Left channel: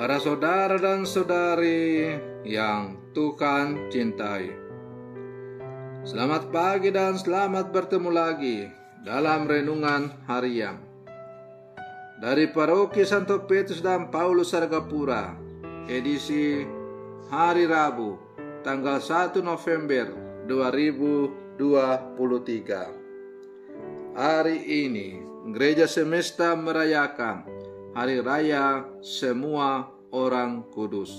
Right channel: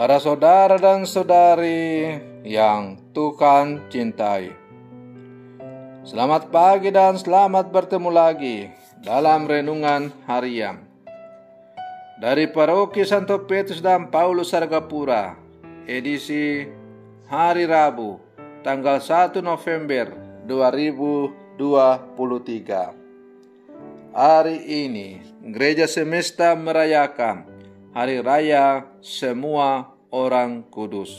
Para saudara dan saudari yang Tuhan cintai, selamat pagi dan selamat bertemu lagi dalam renungan harian dari Paroki Santo Petrus dan Paulus Sargapura, edisi hari Rabu, tanggal 1 November 2023. Hari ini Gereja Semesta merayakan Hari Raya Semua Orang Kudus.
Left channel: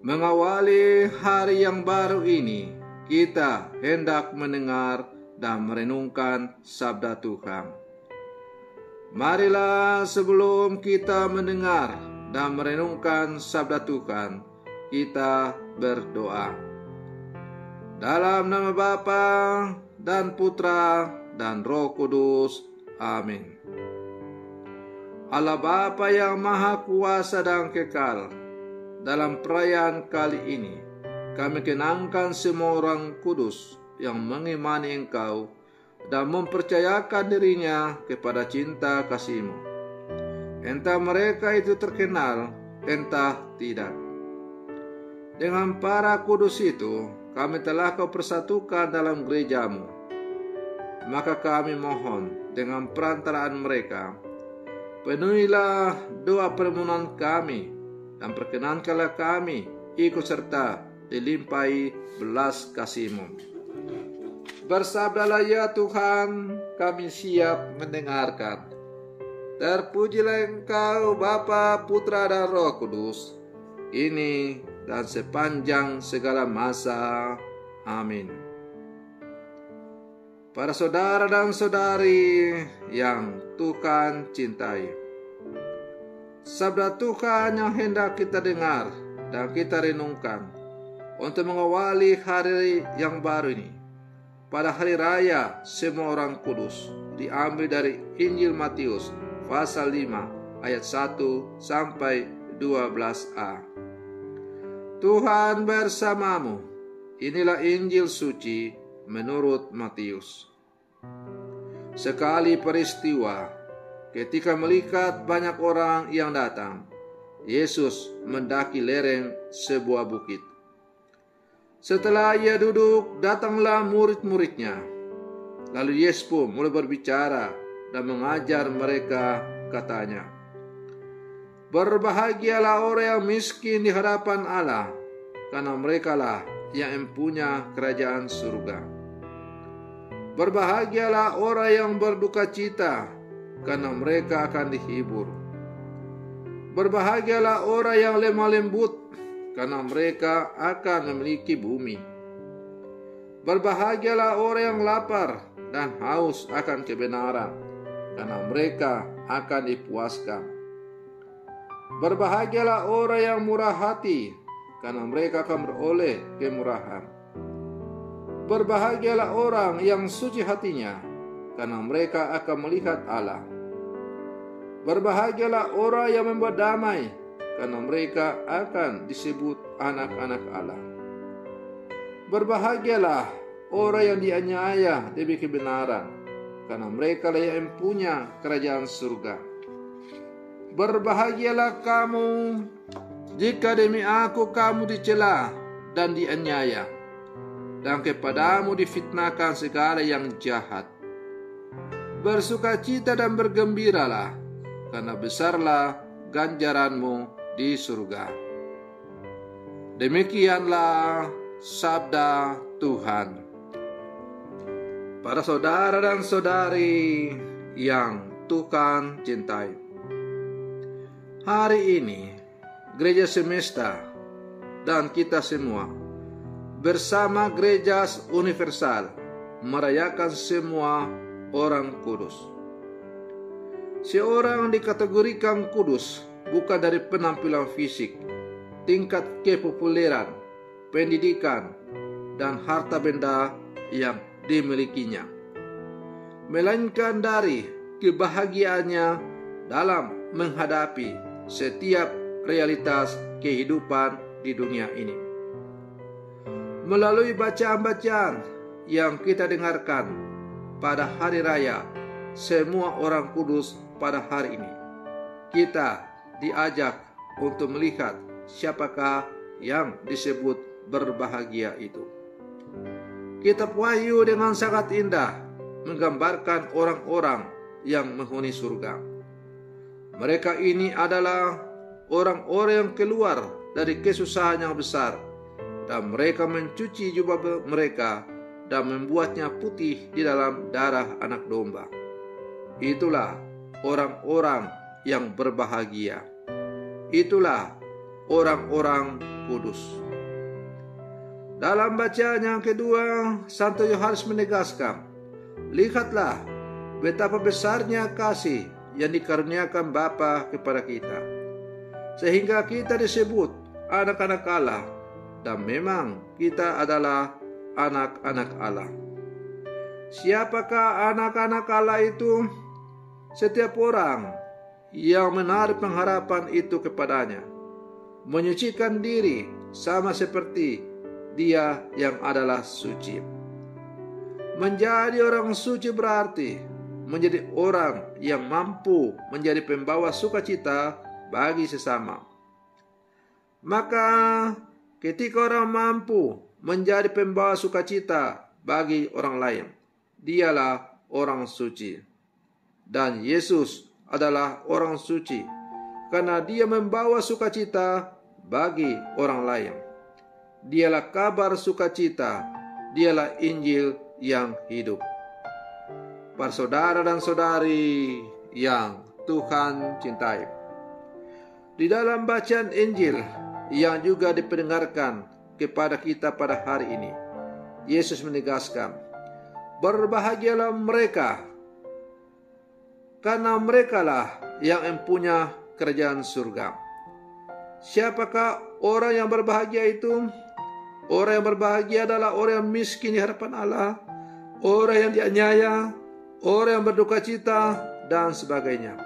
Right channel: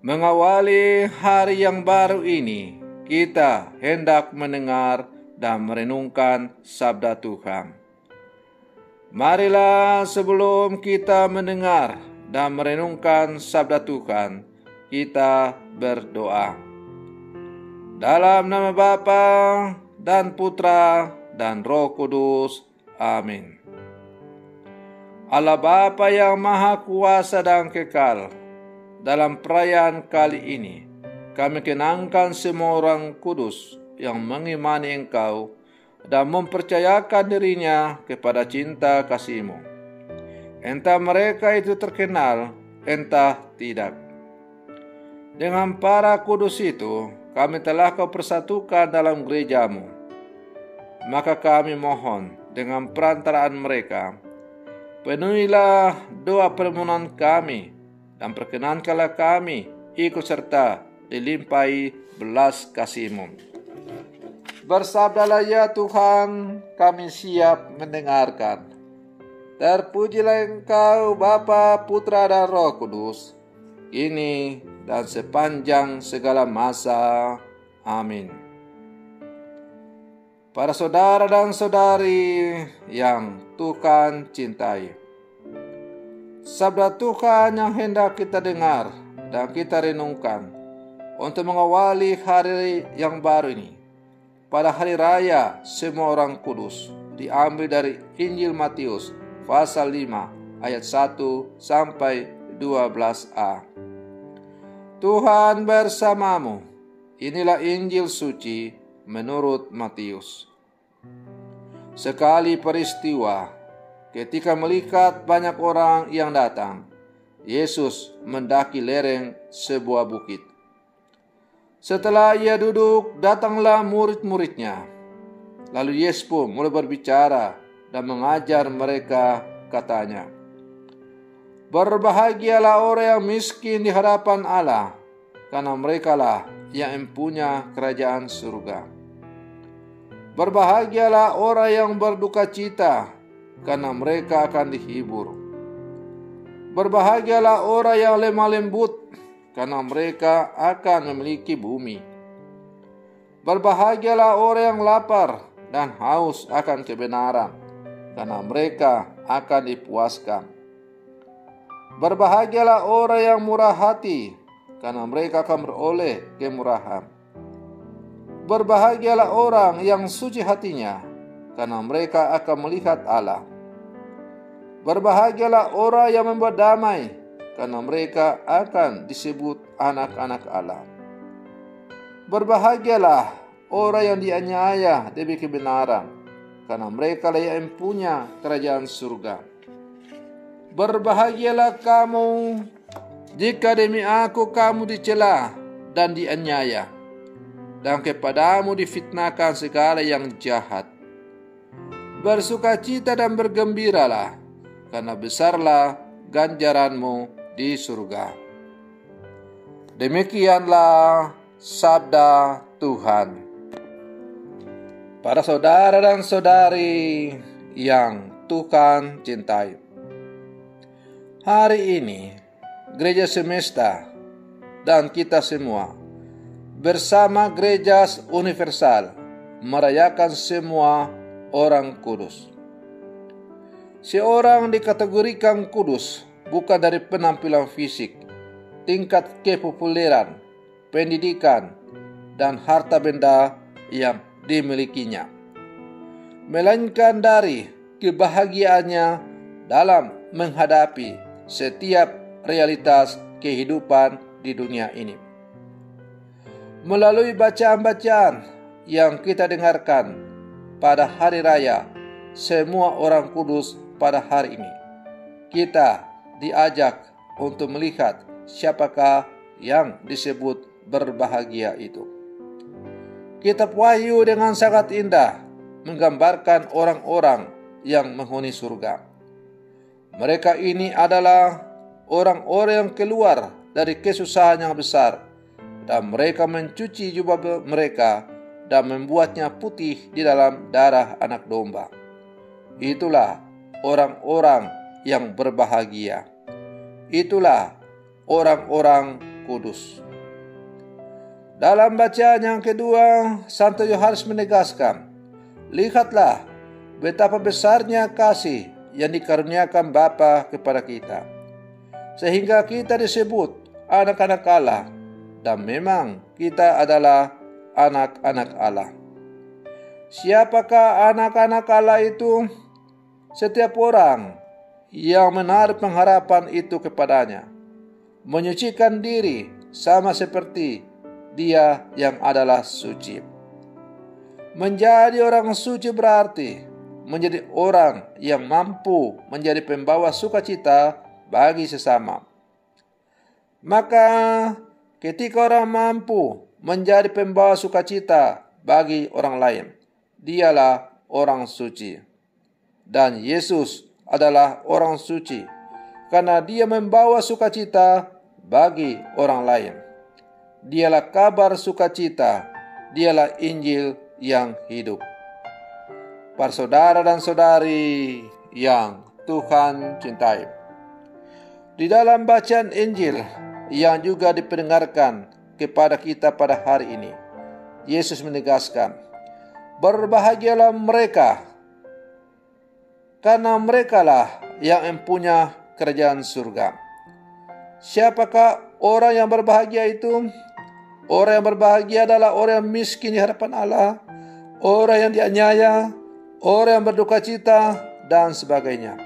Mengawali hari yang baru ini, kita hendak mendengar dan merenungkan sabda Tuhan. Marilah sebelum kita mendengar dan merenungkan sabda Tuhan, kita berdoa. Dalam nama Bapa dan Putra dan Roh Kudus. Amin. Allah Bapa yang Maha Kuasa dan Kekal, dalam perayaan kali ini, kami kenangkan semua orang kudus yang mengimani Engkau dan mempercayakan dirinya kepada cinta kasih-Mu. Entah mereka itu terkenal, entah tidak. Dengan para kudus itu, kami telah Kau persatukan dalam gereja-Mu. Maka kami mohon dengan perantaraan mereka, penuhilah doa permohonan kami dan perkenankanlah kami ikut serta dilimpahi belas kasih-Mu. Bersabdalah ya Tuhan, kami siap mendengarkan. Terpujilah Engkau Bapa, Putra dan Roh Kudus, kini dan sepanjang segala masa. Amin. Para saudara dan saudari yang Tuhan cintai, sabda Tuhan yang hendak kita dengar dan kita renungkan untuk mengawali hari yang baru ini pada hari raya semua orang kudus diambil dari Injil Matius pasal 5 ayat 1 sampai 12a. Tuhan bersamamu. Inilah Injil suci menurut Matius. Sekali peristiwa, ketika melihat banyak orang yang datang, Yesus mendaki lereng sebuah bukit. Setelah ia duduk, datanglah murid-muridnya. Lalu Yesus pun mulai berbicara dan mengajar mereka, katanya, "Berbahagialah orang yang miskin di hadapan Allah, karena merekalah yang empunya kerajaan surga. Berbahagialah orang yang berduka cita, karena mereka akan dihibur. Berbahagialah orang yang lemah lembut, karena mereka akan memiliki bumi. Berbahagialah orang yang lapar dan haus akan kebenaran, karena mereka akan dipuaskan. Berbahagialah orang yang murah hati, karena mereka akan beroleh kemurahan. Berbahagialah orang yang suci hatinya, karena mereka akan melihat Allah. Berbahagialah orang yang membuat damai, karena mereka akan disebut anak-anak Allah. Berbahagialah orang yang dianiaya demi kebenaran, karena mereka lah yang punya kerajaan surga. Berbahagialah kamu jika demi aku kamu dicela dan dianiaya, dan kepadamu difitnahkan segala yang jahat. Bersukacita dan bergembiralah, karena besarlah ganjaranmu di surga." Demikianlah sabda Tuhan. Para saudara dan saudari yang Tuhan cintai, hari ini Gereja Semesta dan kita semua bersama Gereja Universal merayakan semua orang kudus. Seorang dikategorikan kudus bukan dari penampilan fisik, tingkat kepopuleran, pendidikan, dan harta benda yang dimilikinya, melainkan dari kebahagiaannya dalam menghadapi setiap realitas kehidupan di dunia ini. Melalui bacaan-bacaan yang kita dengarkan pada hari raya semua orang kudus pada hari ini, kita diajak untuk melihat siapakah yang disebut berbahagia itu. Kitab Wahyu dengan sangat indah menggambarkan orang-orang yang menghuni surga. Mereka ini adalah orang-orang yang keluar dari kesusahan yang besar, dan mereka mencuci jubah mereka dan membuatnya putih di dalam darah anak domba. Itulah orang-orang yang berbahagia. Itulah orang-orang kudus. Dalam bacaan yang kedua, Santo Yohanes menegaskan, lihatlah betapa besarnya kasih yang dikaruniakan Bapa kepada kita, sehingga kita disebut anak-anak Allah, dan memang kita adalah anak-anak Allah. Siapakah anak-anak Allah itu? Setiap orang yang menaruh pengharapan itu kepadanya, menyucikan diri sama seperti Dia yang adalah suci. Menjadi orang suci berarti menjadi orang yang mampu menjadi pembawa sukacita bagi sesama. Maka ketika orang mampu menjadi pembawa sukacita bagi orang lain, dialah orang suci. Dan Yesus adalah orang suci karena Dia membawa sukacita bagi orang lain. Dialah kabar sukacita, Dialah Injil yang hidup. Para saudara dan saudari yang Tuhan cintai, di dalam bacaan Injil yang juga dipendengarkan kepada kita pada hari ini, Yesus menegaskan, berbahagialah mereka, karena merekalah yang mempunyai kerajaan surga. Siapakah orang yang berbahagia itu? Orang yang berbahagia adalah orang yang miskin di hadapan Allah, orang yang dianiaya, orang yang berduka cita, dan sebagainya.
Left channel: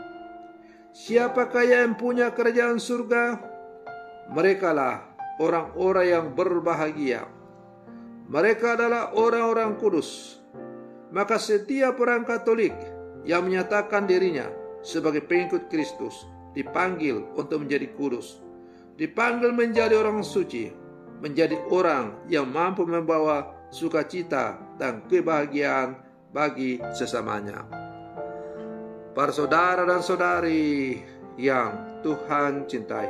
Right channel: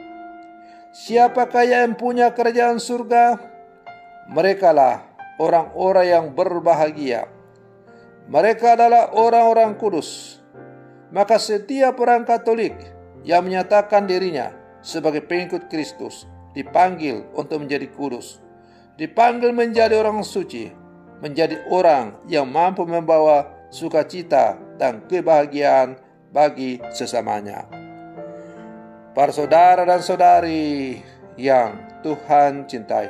Siapakah yang punya kerajaan surga? Merekalah orang-orang yang berbahagia. Mereka adalah orang-orang kudus. Maka setiap orang Katolik yang menyatakan dirinya sebagai pengikut Kristus dipanggil untuk menjadi kudus, dipanggil menjadi orang suci, menjadi orang yang mampu membawa sukacita dan kebahagiaan bagi sesamanya. Para saudara dan saudari yang Tuhan cintai,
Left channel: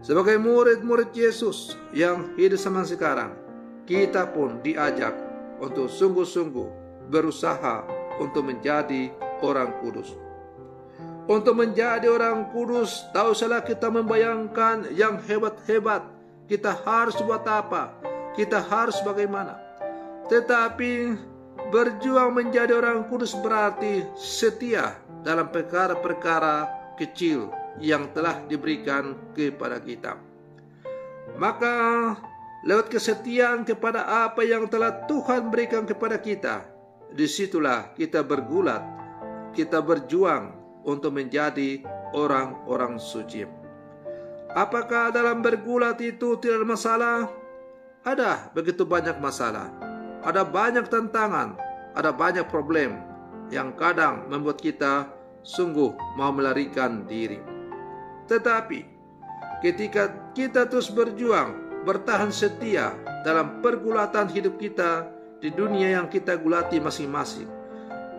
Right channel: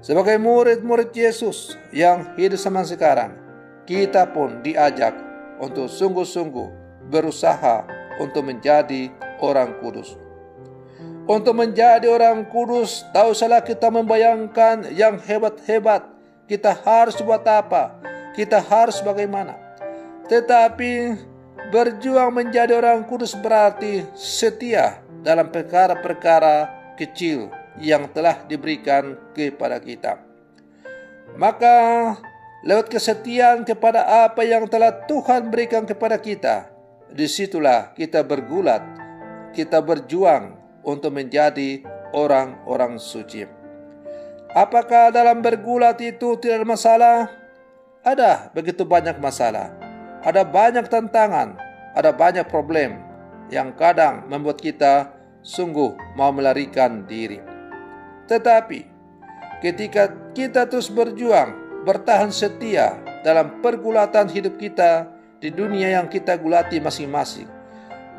sebagai murid-murid Yesus yang hidup zaman sekarang, kita pun diajak untuk sungguh-sungguh berusaha untuk menjadi orang kudus. Untuk menjadi orang kudus, tak usahlah kita membayangkan yang hebat-hebat. Kita harus buat apa? Kita harus bagaimana? Tetapi berjuang menjadi orang kudus berarti setia dalam perkara-perkara kecil yang telah diberikan kepada kita. Maka lewat kesetiaan kepada apa yang telah Tuhan berikan kepada kita, disitulah kita bergulat, kita berjuang untuk menjadi orang-orang suci. Apakah dalam bergulat itu tidak ada masalah? Ada begitu banyak masalah. Ada banyak tantangan, ada banyak problem yang kadang membuat kita sungguh mau melarikan diri. Tetapi ketika kita terus berjuang, bertahan setia dalam pergulatan hidup kita di dunia yang kita gulati masing-masing,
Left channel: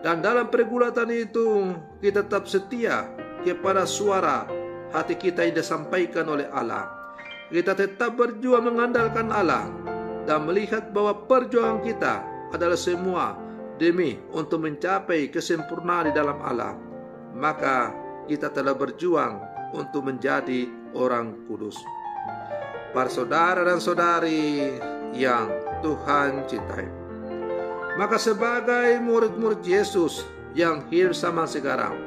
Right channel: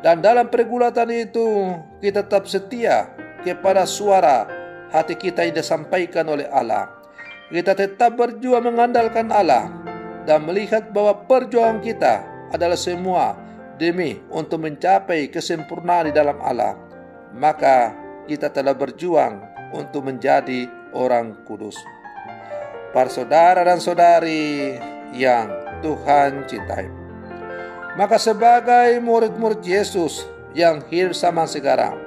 dan dalam pergulatan itu kita tetap setia kepada suara hati kita yang disampaikan oleh Allah, kita tetap berjuang mengandalkan Allah dan melihat bahwa perjuangan kita adalah semua demi untuk mencapai kesempurnaan di dalam Allah, maka kita telah berjuang untuk menjadi orang kudus. Para saudara dan saudari yang Tuhan cintai, maka sebagai murid-murid Yesus yang hidup zaman sekarang,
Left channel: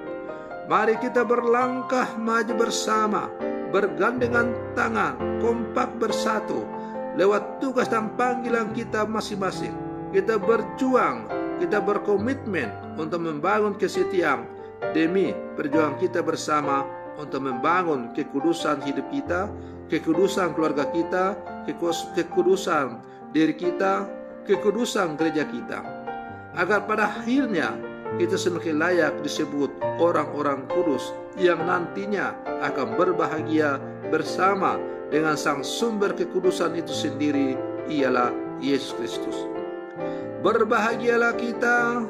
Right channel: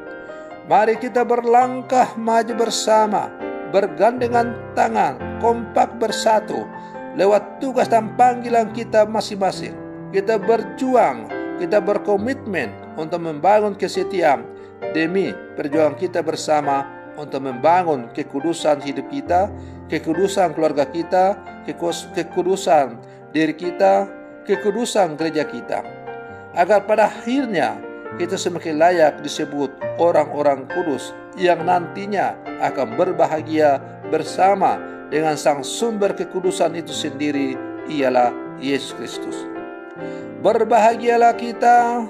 mari kita berlangkah maju bersama, bergandengan tangan, kompak bersatu, lewat tugas dan panggilan kita masing-masing. Kita berjuang, kita berkomitmen untuk membangun kesetiaan demi perjuangan kita bersama untuk membangun kekudusan hidup kita, kekudusan keluarga kita, kekudusan diri kita, kekudusan gereja kita. Agar pada akhirnya kita semakin layak disebut orang-orang kudus yang nantinya akan berbahagia bersama dengan sang sumber kekudusan itu sendiri, ialah Yesus Kristus. Berbahagialah kita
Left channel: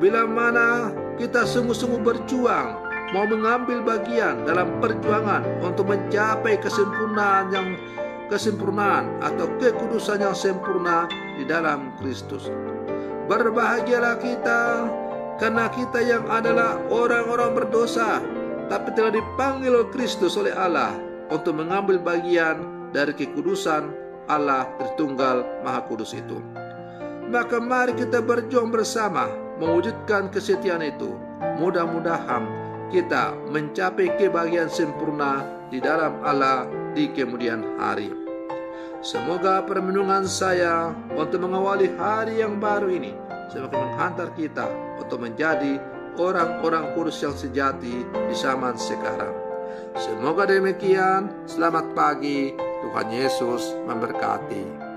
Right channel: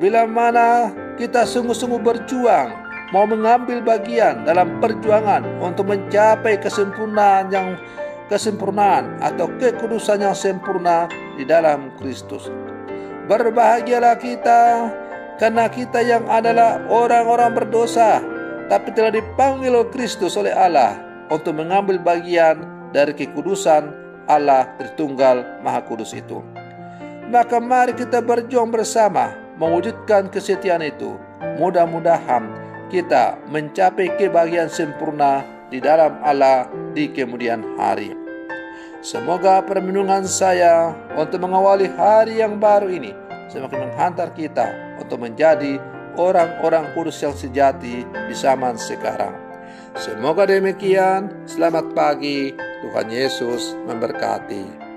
bila mana kita sungguh-sungguh berjuang, mau mengambil bagian dalam perjuangan untuk mencapai kesempurnaan atau kekudusan yang sempurna di dalam Kristus. Berbahagialah kita karena kita yang adalah orang-orang berdosa, tapi telah dipanggil oleh Kristus oleh Allah untuk mengambil bagian dari kekudusan Allah Tritunggal Maha Kudus itu. Maka mari kita berjuang bersama mewujudkan kesetiaan itu. Mudah-mudahan kita mencapai kebahagiaan sempurna di dalam Allah di kemudian hari. Semoga permenungan saya untuk mengawali hari yang baru ini semakin menghantar kita untuk menjadi orang-orang kudus yang sejati di zaman sekarang. Semoga demikian. Selamat pagi. Tuhan Yesus memberkati.